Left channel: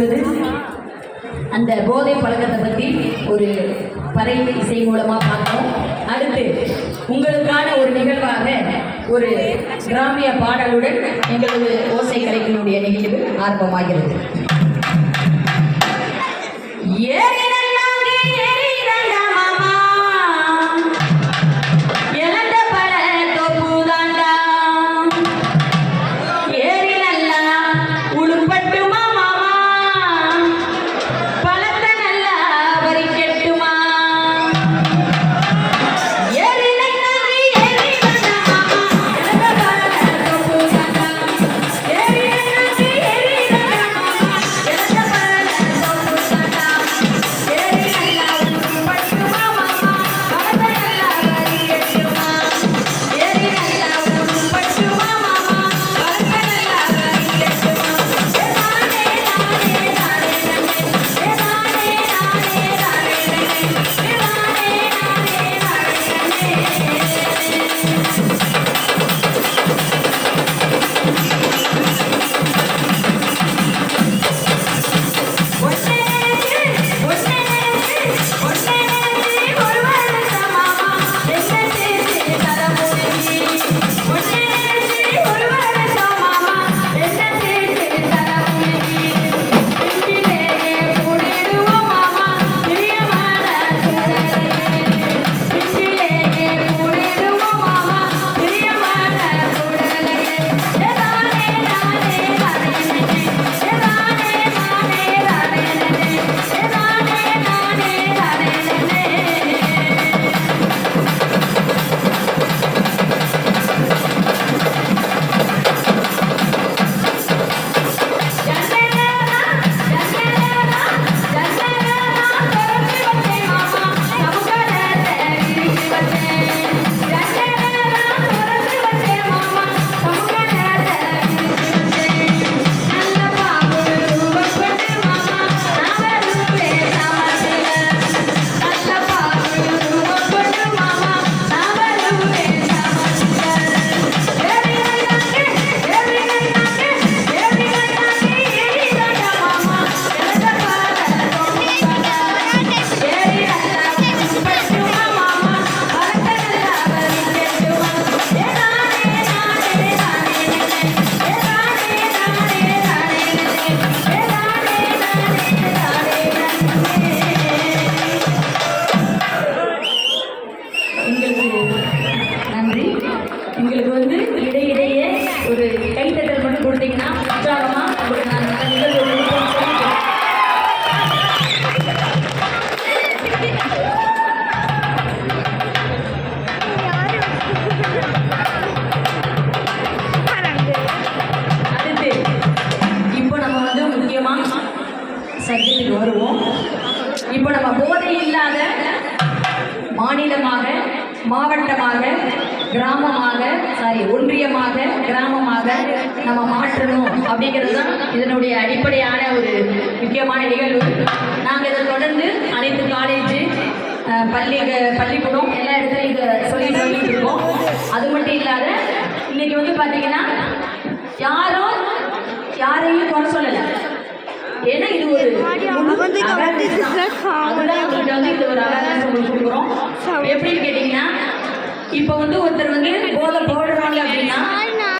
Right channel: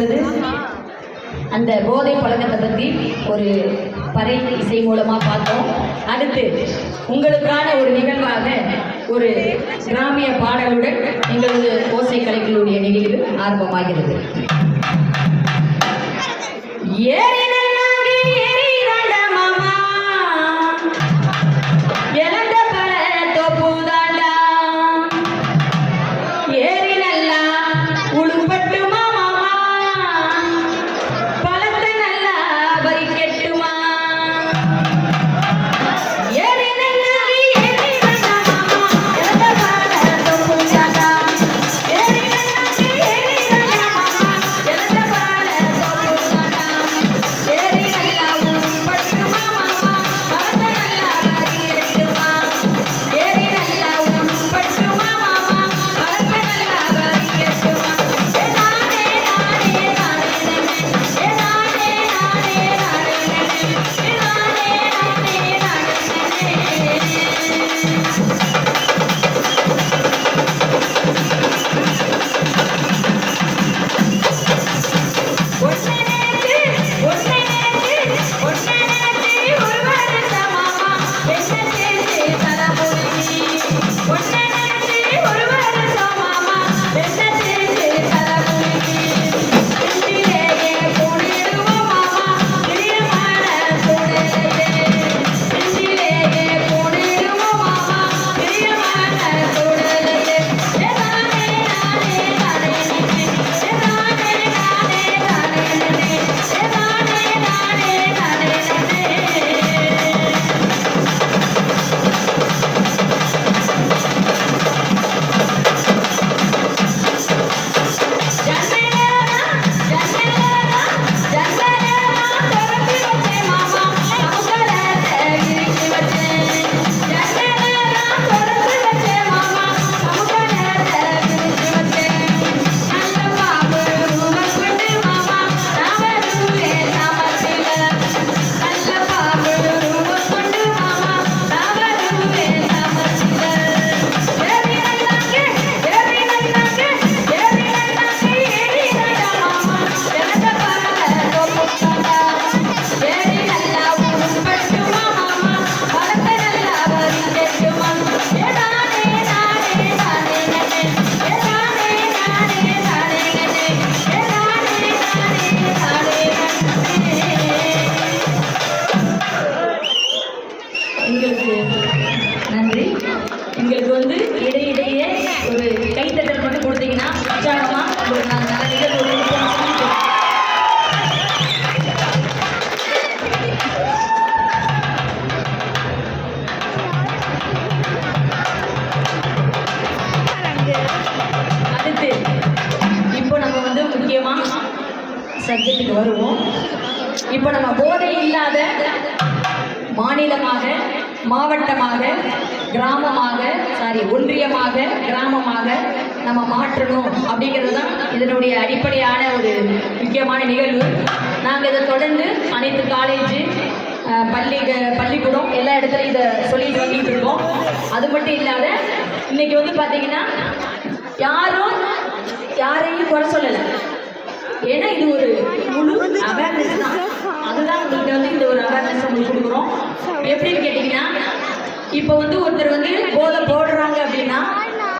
இப்பொழுது அந்த போதை பழக்கத்தை பற்றி ஒரு பறை இசை மூலமாக பார்த்தோம். அடுத்து உங்களுக்கான ஒரு நிகழ்வாக ஒரு கிராமிய பாடலுடன் எங்களது ஓசை கலைகளுடைய நிகழ்வு ஆரம்பமாகிறது. சப்ஜெக்டுக்கு வருவோம். இப்போ நம்ம போதை இல்லாத மாநிலமாக, மாவட்டமாக, ஒன்றியமாக, கிராமமாக நம்ம மாற்றணும் அப்படிங்கிறது தான் இதனுடைய அடிப்படையான ஒரு முக்கியமான நிகழ்வு. நாங்கள் இதை தொடர்ந்து அனைத்து காலேஜு, பள்ளிக்கூடம் எல்லா இடத்துலையும் இதை சொல்லிட்டு வந்துட்டு இருக்கோம். அது மட்டும் இல்லாத இன்னைக்கு வந்து பார்த்தீங்கன்னா யாரையும் குறை சொல்லலை. ஏன்னா இது ஒரு அவேர்னஸ் தான். அதுதான் உங்களுக்கு வந்து இந்த ஒரு அவேர்னஸ் உங்களுக்கு கொடுக்குறோம். எப்படின்னு கேட்டிங்கன்னா, இப்போ வந்து ஒருத்தர் வந்து